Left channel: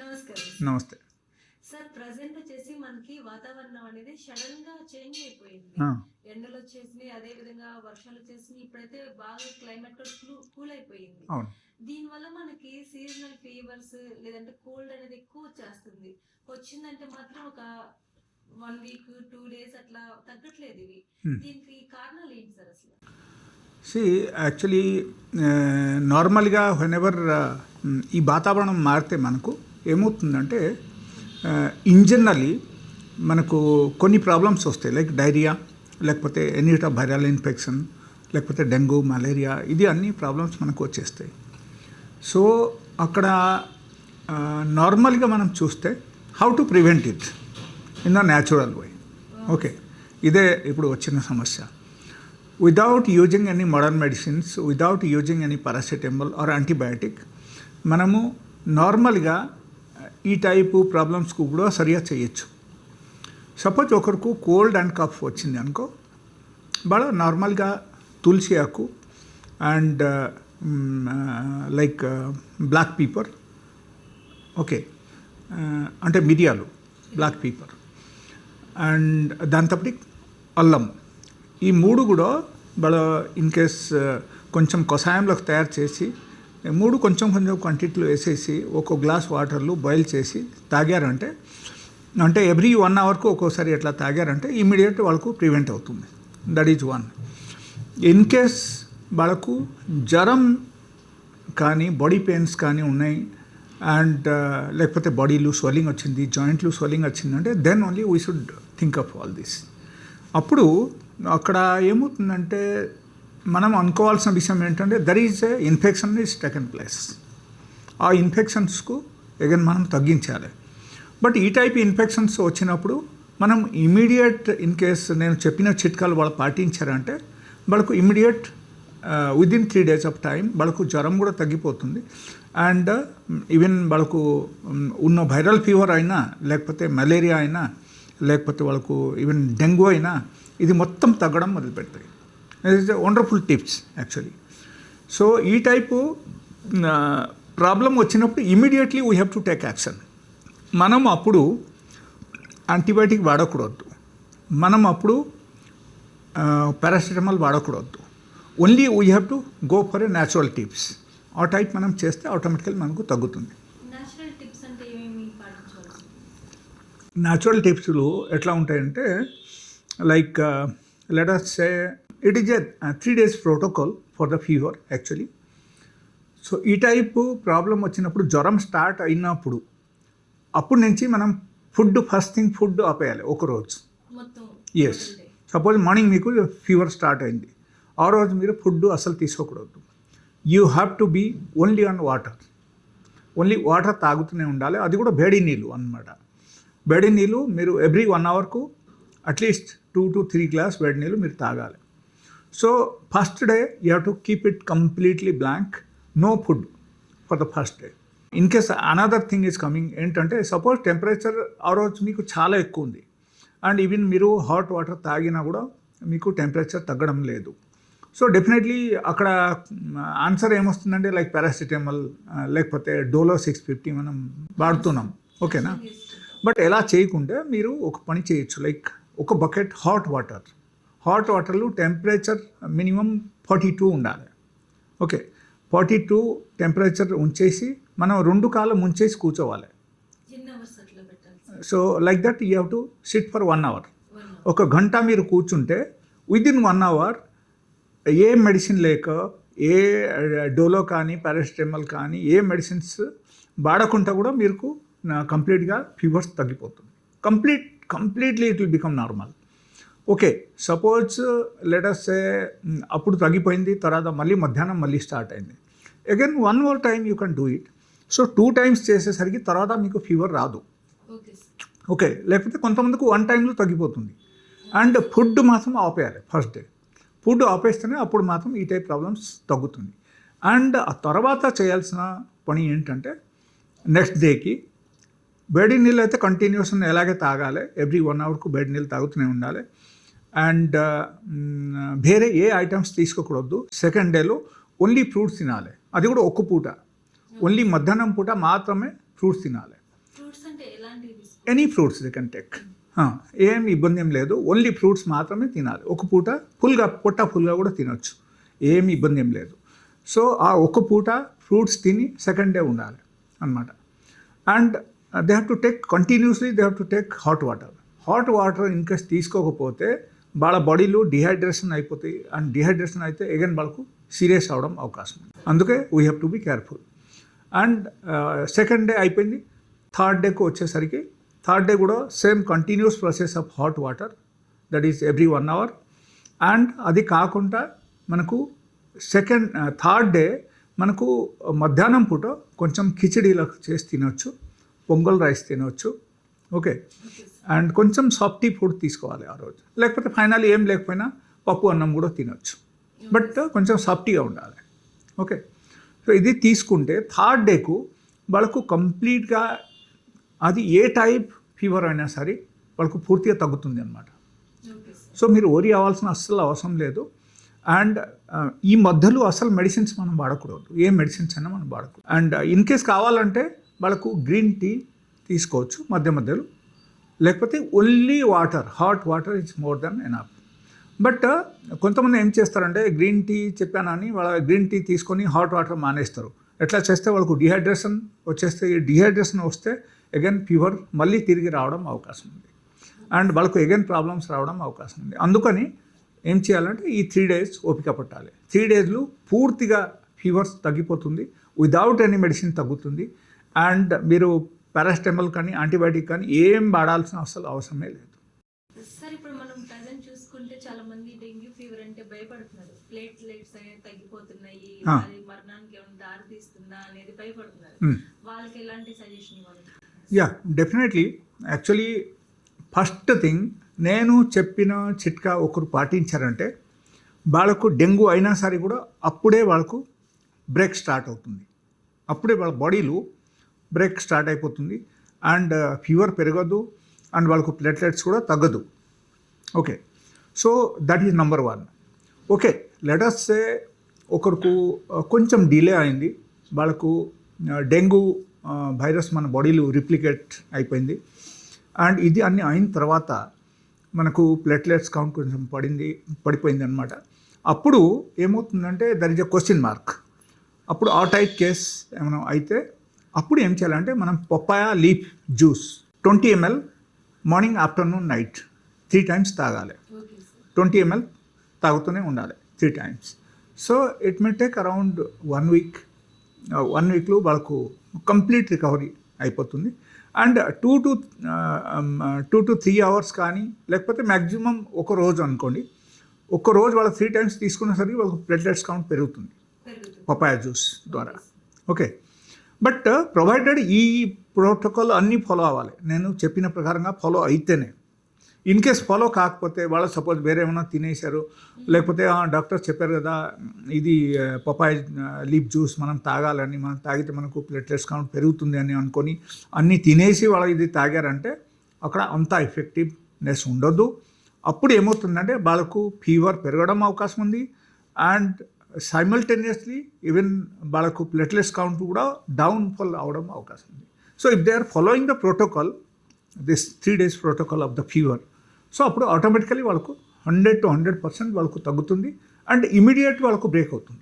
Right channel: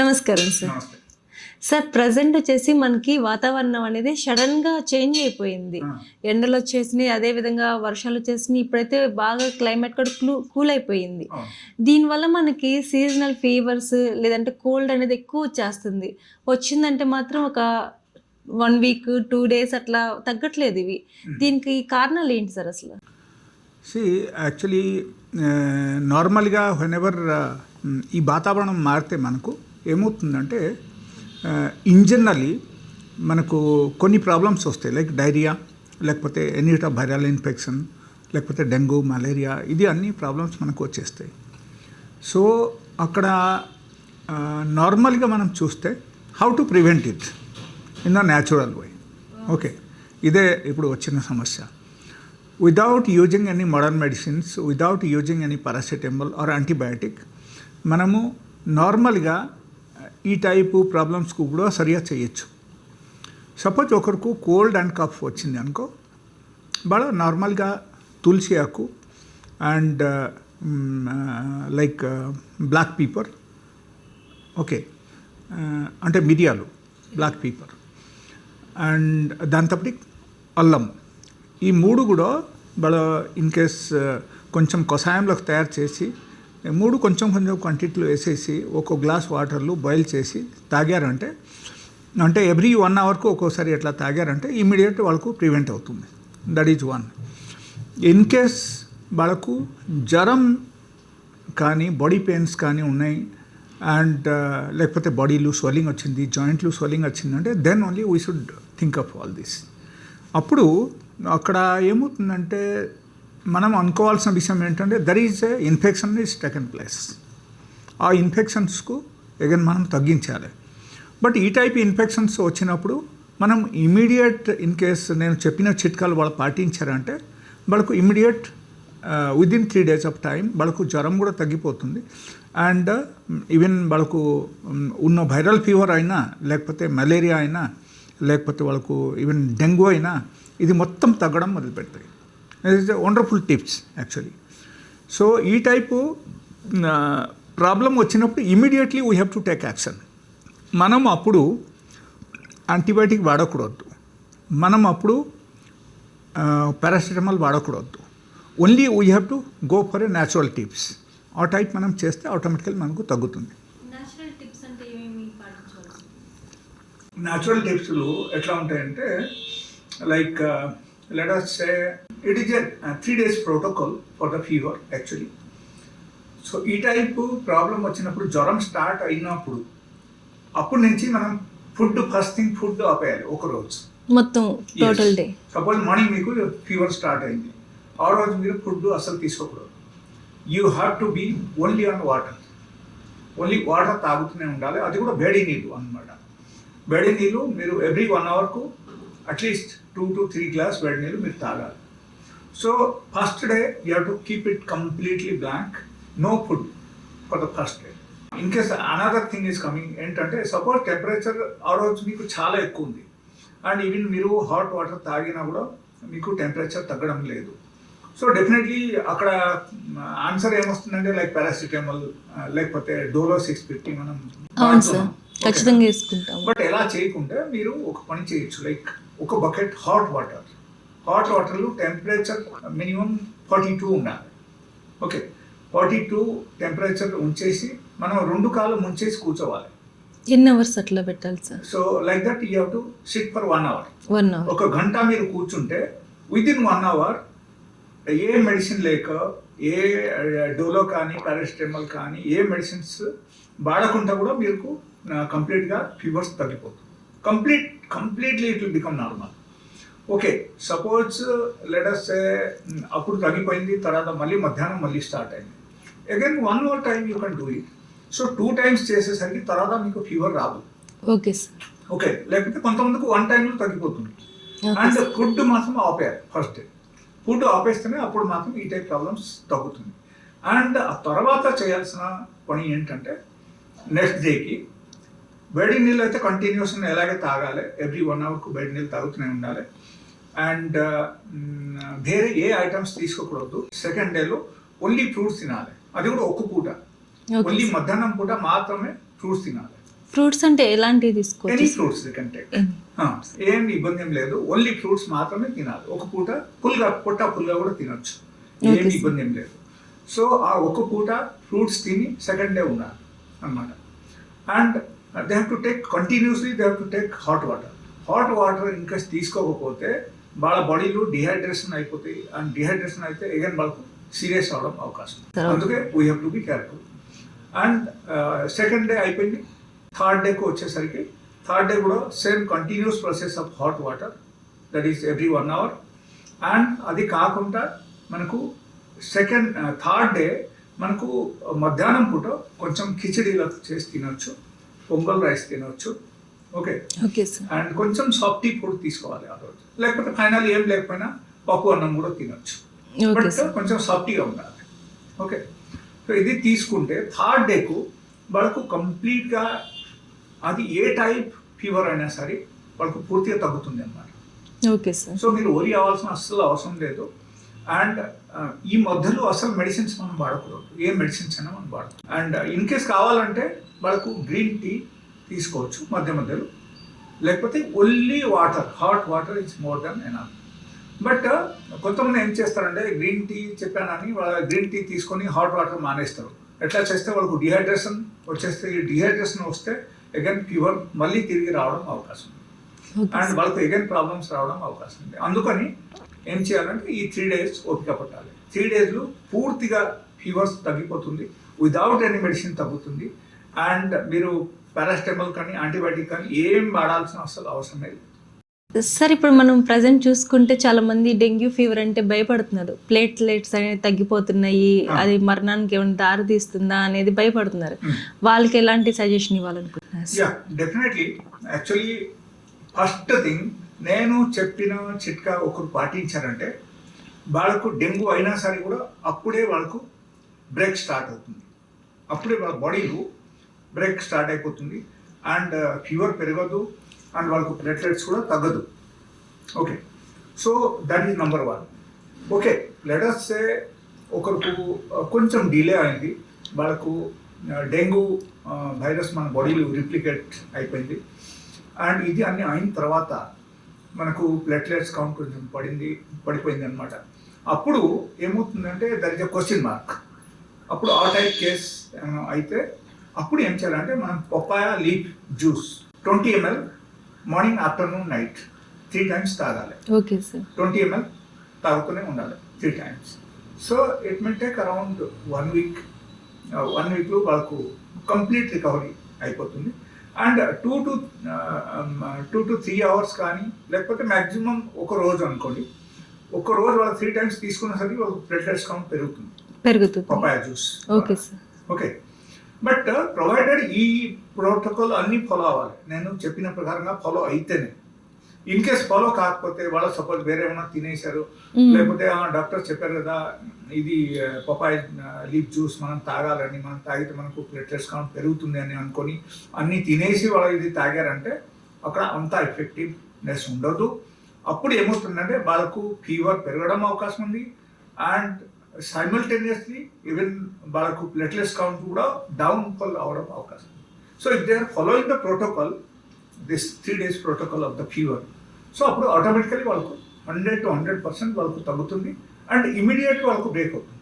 నమస్కారం సార్. నమస్తే. Sir present వచ్చేసి మనకి వాతావరణం అనేది సడన్‌గా చేంజ్ అయిపోయింది. ఆ! ఎండలొచ్చేసినాయి, అదే విధంగా వర్షాలొచ్చేసినాయి. ఇప్పుడైతే బాగా క్లైమేట్ కూడా కూల్ అయిపోయింది. అవును. దీనివల్ల మనకి సీజనల్ ఫీవర్స్ లేదంటే కోల్డ్ అనేది ఎక్కువ వచ్చేస్తుంది. వచ్చిందంటే మాత్రం ఒక 1 వీక్, 2 డేస్ అట్లా తగ్గట్లేదు ఇవి. దీనికి కారణాలు ఏంటి సార్ అసలు? సీ యాక్చువల్లీ నార్మల్‌గా వెనెవర్ ఈ వాతావరణం మారితే మనకు ఏమవుతుందంటే ఇన్ జనరల్లీ మనకు కొన్ని ప్రాబ్లమ్స్ వస్తాయి. లైక్ డైరియా, లేకపోతే ఎనీ ఆఫ్ వైరల్ ఇన్ఫెక్షన్, లేకపోతే డెంగ్యూ, మలేరియా, ఇది అన్ని ప్రాబ్లమ్స్ మనకు వచ్చేస్తాయి. సో అక్కడ నార్మల్గా మనం చూస్తే how to prevent it in the natural way. Okay, ఇదే ఇప్పుడు వచ్చిన సమస్య. Without using any modern medicines, without using any paracetamol or antibiotic, మనము నార్మల్గా ఈ టైపు ప్రాబ్లమ్స్కు కూడా సరిగా చేయొచ్చు. సపోజ్ ఒకరికి కోల్డ్ అండ్ కఫ్ వచ్చింది అనుకో, బాగా నార్మల్గా తులసి ఆకు and like black pepper, okay, అంటే మిరియాలు, బ్లాక్ పీపర్ అండ్ దాంతోపాటు అల్లం, ఈ మూడు కూడా బాగా ఇన్ కేస్ కొంచెం కషాయంలోకి తయారు చేసి మూడు కొంచెం కొంచెం క్వాంటిటీలో వేసేసి ఒక గ్లాస్ వాటర్లో బాయిల్ చేసి తాగారంటే, అంటే ఎవ్రీ 1 అవర్కు ఒక్కోసారి ఎట్లా తాగారంటే ఇమీడియట్ వాళ్ళకు ప్రివెంట్ అవుతుంది. That is one. In case వాళ్ళకు జ్వరం కానీ బాడీ పెయిన్స్ కానీ ఉన్నాయి అండ్ లేకపోతే బాడీలో స్వెల్లింగ్ వచ్చింది, జాయింట్లు స్వెల్లింగ్ వచ్చిందంటే then only we should think of all this. అప్పుడు అక్కడ ఏమవుతుందంటే మనం అనుకోవాల్సిన విషయం ఏంటంటే there is a infection is taken place. ఆ ఇన్ఫెక్షన్స్కు అగైన్ మనం తగ్గించాలి. బట్ ఈ టైప్ ఇన్ఫెక్షన్స్ వచ్చినప్పుడు మనం ఇమీడియట్ ఇన్ కేస్ నేను చెప్పిన చిట్కాలు వాళ్ళు పాటించారంటే వాళ్ళకు immediate within 3 days of time వాళ్ళకు జ్వరం కూడా తగ్గిపోతుంది. అండ్ ఈవెన్ వాళ్ళకు ఉన్న వైరల్ ఫీవర్ అయినా, లేకపోతే మలేరియా అయినా, లేకపోతే వాళ్ళకు ఈవెన్ డెంగ్యూ అయినా, ఇది మొత్తం తగ్గడం మొదలుపెడతాయి. It is wonderful tips actually. So ఈ టైపు ప్రాబ్లం వచ్చినప్పుడు immediately we have to take action. మనం అప్పుడు యాంటీబయాటిక్ వాడకూడదు, మనం అప్పుడు పారాసిటమాల్ వాడకూడదు. Only we have to go for a natural tips. ఆ టైప్ మనం చేస్తే ఆటోమేటికల్ మనకు తగ్గుతుంది. నేచురల్ టిప్స్ అంటే ఏమేమి పాటించాలి? న్యాచురల్ టిప్స్లు ఎట్లా ఉంటాయంటే like let us say it is a 3 days protocol for the fever actually. So ఈ టైప్ ప్రాబ్లం వచ్చినప్పుడు జ్వరం స్టార్ట్ అయినప్పుడు అప్పుడు నుంచి మనం ఫస్ట్ థింగ్ ఫుడ్ ఆపేయాలి ఒకరోజు మొత్తం టోటల్ డే. సపోజ్ మార్నింగ్ మీకు ఫీవర్ స్టార్ట్ అయింది, ఆ రోజు మీరు ఫుడ్ అసలు తీసుకోకూడదు. You have to be only on water. Only water తాగుతూనే ఉండాలి, అది కూడా వేడి నీళ్ళు అన్నమాట. వేడి నీళ్ళు మీరు ఎవ్రీ 1 అవర్కు అట్లీస్ట్ 2 to 3 గ్లాస్ వేడి నీళ్ళు మీరు తాగాలి. So first day you have to keep it completely blank, no food for the first day. In case another thing is coming ఏంటంటే సపోజ్ టెంపరేచర్ ఆ రోజు మీకు చాలా ఎక్కువ ఉంది అండ్ ఈవెన్ మీరు హాట్ వాటర్ తాగినా కూడా మీకు టెంపరేచర్ తగ్గడం లేదు. సో డెఫినెట్లీ అక్కడ ఆన్సర్ ఏమొస్తుందంటే లైక్ పారాసిటమాల్ లేకపోతే డోలో 650 మనం వాడుతున్నాం. ఖచ్చితంగా వేసుకుంటాం. బట్ ఎలా చేయకుండా మీరు ఒక పని చేయొచ్చు. లైక్ ఒక బకెట్ హాట్ వాటర్లో టెంపరేచర్ మినిమం 42 ఉండాలి. ఓకే, 42 టెంపరేచర్ ఉంచేసి మనం 2 కాళ్ళు ముంచేసి కూర్చోవాలి. ఎన్ని అవర్స్ అట్లా పెట్టాలి sir? So like that you have to sit for 1 hour. 1 hour. ఒక గంట మీరు కూర్చుంటే విదిన్ 1 అవర్ ఏ మెడిసిన్ లేక, ఏ డోలో కానీ పారాసిటమాల్ కానీ ఏ మెడిసిన్స్ వాడకుండా కూడా మీకు కంప్లీట్గా ఫీవర్స్ తగ్గిపోతుంది. Completely it will become normal. Okay, suppose let us say అప్పుడు తగ్గిపోయింది, తర్వాత మళ్ళీ మధ్యాహ్నం మళ్ళీ స్టార్ట్ అయింది. Again 1 more time you can do it. So 2 times చేసేసరికి తర్వాత మీకు ఫీవర్ రాదు. Okay sir. ఓకే, లేకపోతే కొంతమందికి 1 టైంలో తగ్గిపోతుంది. అండ్ ఫుడ్ మాత్రం ఆపేయాలి ఫస్ట్ డే. ఫుడ్ ఆపేస్తేనే అప్పుడు మాత్రం ఈ టైప్ ప్రాబ్లమ్స్ తగ్గుతుంది. అండ్ ఆ తర్వాత చేయాల్సిన పని ఏంటంటే నెక్స్ట్ డేకి వేడి నీళ్ళు అయితే కంటిన్యూస్ ఎలాగే తాగాలి, ఎవ్రీ 1 అవర్కు వేడి నీళ్ళు తాగుతూనే ఉండాలి. అండ్ వేరే ఏ ఐటమ్స్ తీసుకోకూడదు. సెకండ్ డేలో ఓన్లీ ఫ్రూట్స్ తినాలి, అది కూడా ఒక్క పూట. ఓన్లీ మధ్యాహ్నం పూట మాత్రమే ఫ్రూట్స్ తినాలి. ఫ్రూట్స్ అంటే ఎలాంటివి ఎనీ తీసుకోవచ్చు? Fruits they can take. ఏం ఇబ్బంది ఏం లేదు, ఓన్లీ ఫ్రూట్స్ మాత్రమే తినాలి. ఒక పూట ఫుల్గా ఫుల్గా కూడా తినొచ్చు, ఏమి ఇబ్బంది ఏం లేదు. సో ఆ ఒక పూట ఫ్రూట్స్ తిని సెకండ్ డే ఉండాలి అన్నమాట. And they have to take continuously, they have to take hot water. Hot water ఇంకా తీసుకోకపోతే వాళ్ళ బాడీలో డిహైడ్రేషన్ అయిపోతాయి, అండ్ డిహైడ్రేషన్ అయితే అగైన్ వాళ్ళకు సీరియస్ అవడం అవకాశం. అందుకే we have to be careful. And second day అయిపోయింది, థర్డ్ డేకి వచ్చేసరికి థర్డ్ డే కూడా same continuous process of hot water, that is every 1 hour. అండ్ అది కాకుండా మనకు థర్డ్ డే మనకు మధ్యాహ్నం పూట కొంచెం కిచడీలా చేసి తినొచ్చు, పొంగల్ రైస్ తినొచ్చు. Okay, okay sir. అండ్ కొంచెం సాఫ్టీ ఫుడ్ తీసుకోవాలి ఆ రోజు. లేకపోతే ఫైనల్ ఏం లేకపోయినా పప్పు అన్నం కూడా తినొచ్చు, బట్ కొంచెం సాఫ్టీగా ఉండాలి. ఓకే, సో ఇది తీసుకుంటే థర్డ్ డేకు వాళ్ళకు కంప్లీట్గా అది ఏ టైప్ ఫీవర్ అయినా సరే వాళ్ళకు పూర్తిగా తగ్గుతుంది అన్నమాట. Okay sir. సో మీరు ఓరి అవ్వాల్సిన అస్సలు అవసరం లేదు. అండ్ ఈ మధ్యలో అసలు మెడిసిన్స్ మనం వాడకూడదు, ఏ మెడిసిన్స్ అయినా మనం వాడకూడదు. అండ్ ఇన్ కేస్ కావాలంటే వాళ్ళకు గ్రీన్ టీ తీసుకోవచ్చు మధ్యలో, లేకపోతే only water, hot water it's more than enough. But కొంతమంది ఏం చేస్తారంటే గ్రీన్ టీ చెప్పానని వాళ్ళ గ్రీన్ టీ తీసుకొని హాట్ వాటర్ మానేస్తారు. ఎట్లా చేస్తే వాళ్ళకు డిహైడ్రేషన్ వచ్చేస్తే, డిహైడ్రేషన్ వస్తే అగైన్ ఫీవర్ మళ్ళీ తిరిగి రావడం అవకాశం ఉంది, అండ్ వాళ్ళకు అగైన్ ప్రాబ్లమ్స్ రావడం అవకాశం ఉంది. అందుకని ఏం చేయాలంటే ఈ 3 days ఓపిక పట్టాలి. 3 days పూర్తిగా ఫీవర్స్ తగ్గిపోతుంది, విదౌట్ ఎనీ మెడిసిన్ తగ్గుతుంది. అండ్ మీరు పారాసిటమాల్ కానీ యాంటీబయాటిక్ కానీ ఏం వాడాల్సిన అసలు అవసరమే లేదు. సార్, ఇప్పుడు మనం ప్రజెంట్ చూసుకుంటే చాలా మంది డెంగ్యూ ఫీవర్ అంటే భయపడుతున్నారు. ప్లేట్లెట్స్ అనేవి తగ్గిపోతున్నాయి, అది మరణానికి ఏమైనా దారి తీస్తుందా అనేది భయపడుతున్నారు. వాళ్ళకి ఎలాంటి సజెషన్ ఇవ్వాలనుకుంటున్నారు? Yeah, definitely. Actually first thing నేను చెప్పిన చిట్కా ఒకరు పాటించారంటే వాళ్ళకు డెంగ్యూ అయినా సరే కూడా అప్పుడే వాళ్ళకు బ్రేక్ స్టార్ట్ అవుతుంది, అప్పుడే వాళ్ళ బాడీలో బ్రేక్ స్టార్ట్ అయిపోతుంది. అండ్ ఫీవర్ పెరగదు, అండ్ వాళ్ళకు ప్లేట్లెట్స్ కూడా తగ్గదు. Okay, so that is number 1. Okay, let us say ఒకరికి కొంచెం డిలే అయింది, వాళ్ళకు డెంగ్యూ వైరస్ మన బాడీలో రిప్లికేట్ అయిపోయింది, అండ్ ఇది అన్నీ అయిన తర్వాత మనకు ప్లేట్లెట్స్ కౌంట్ కొంచెం పడిపోయింది అనమాట. అప్పుడు ఏమవుతుందంటే there is a question mark. అప్పుడు ఆ టైప్ కేస్ ఏమైనా అయితే అప్పుడు ఏం చేయాలంటే మనం papaya leaf juice 20 ml morning, afternoon, night 3 times తాగాలి. Okay sir. 20 ml తాగుతూనే ఉండాలి 3 times. So it may take around 1 week. 1 weekలో వాళ్ళకు కంప్లీట్ రికవరీ అయిపోతుంది. అండ్ 2 to 3 hours కానీ, లేకపోతే మ్యాక్సిమం ఒక రోజు అనుకోండి, ఒక రోజు వాళ్ళు 3 times తీసుకునేసరికి వాళ్ళకు ప్లేట్లెట్స్ కౌంట్ పెరుగుతుంది papaya juice. Okay sir. Okay, but provided ఈ ప్రోటోకాల్ అన్నీ ఫాలో అవ్వాలి. నేను చెప్పిన ప్రకారంగా ఫాలో అయితేనే. ఇన్ కేస్ ఫాలో కాకపోతే వాళ్ళు సపోజ్ వేరే ఏమైనా తినేశారు, లేకపోతే డాక్టర్ చెప్పారు కదా ఇది పపాయ లీఫ్ జ్యూస్ మనం తాగాలని, మనం తాగితే మనకు ప్లేట్లెట్స్ కౌంట్ పెరుగుతుంది అని అనుకొని అన్నీ తినేసి వాళ్ళు ఇది తాగారంటే అక్కడ అంత ఎఫెక్టివ్నెస్ ఉండదు. అప్పుడు ఏమవుతుందంటే వాళ్ళకు ఫీవర్ పెరగడం అవకాశం ఉంది, అండ్ సైమల్టేనియస్లీ ఈవెన్ వాళ్ళకు ప్లేట్లెట్స్ కౌంట్ కూడా డౌన్ఫాల్ అవడం అవకాశం ఉంది. So if they are following the protocol, this 3 days protocol of the fever, so అప్పుడు ఆటోమేటికలీ వాళ్ళకు 100 to 100% వాళ్ళకు తగ్గుతుంది, అండ్ ఇమీడియట్ వాళ్ళకు బ్రేక్ అవుతుంది.